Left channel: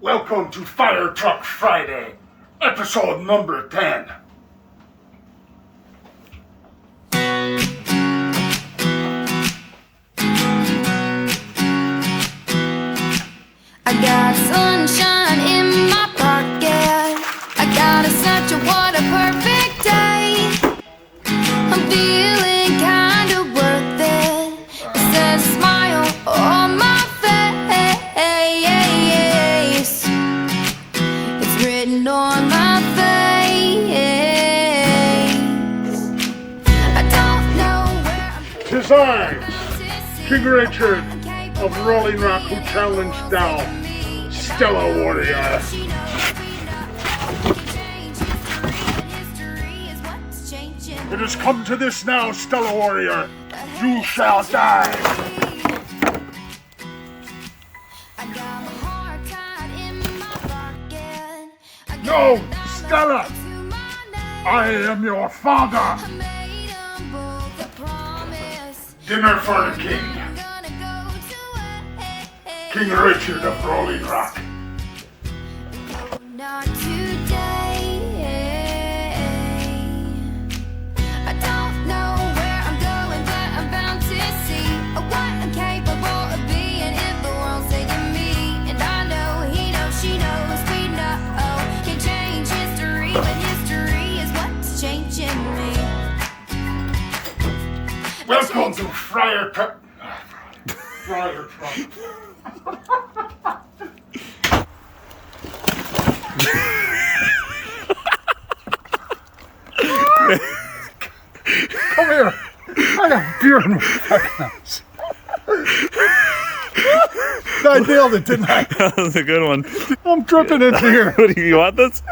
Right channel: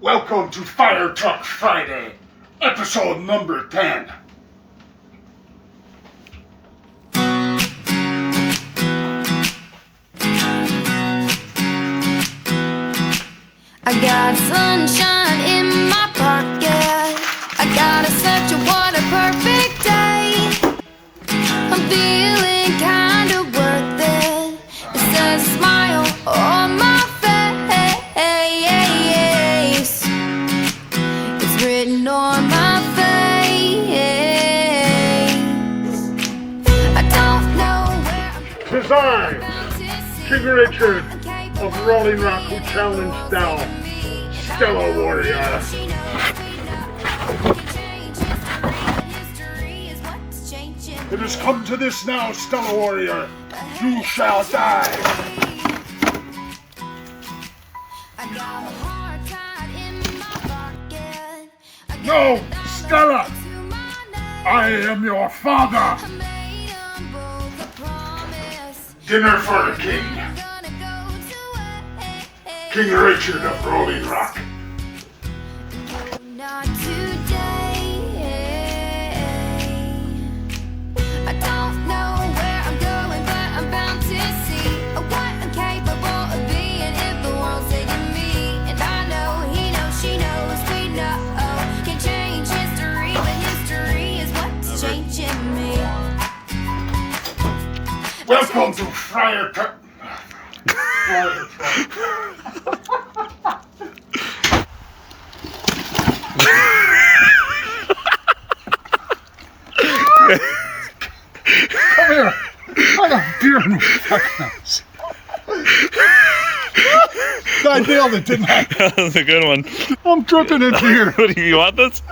Welcome to Firetruck Friday, episode number 10. I got sunshine in my pocket. I got a such a what a perfect day. I'm feeling kinda worth it. It says a smile on my face. It's written on my face. I don't know where I'm 'Tis I, King Richard of Rolling Rock, who challenged down Stella Warrior. It has come to this now, Stella Warrior. You shall die. No, Stella! I am your father! Dinner for the king. King Richard of Rolling Rock. Not today. I don't know where I'm going, but I'm bound to see what I'm capable of being if the world's taking me. And I know he knows, she knows, we know. Can't change history, but history is what's changing me. Welcome to Firetruck. Firetruck. Come here. I got beer in my fucking house. I nailed it, didn't I? That was a good one. I'm dripping in beer. Do you want this?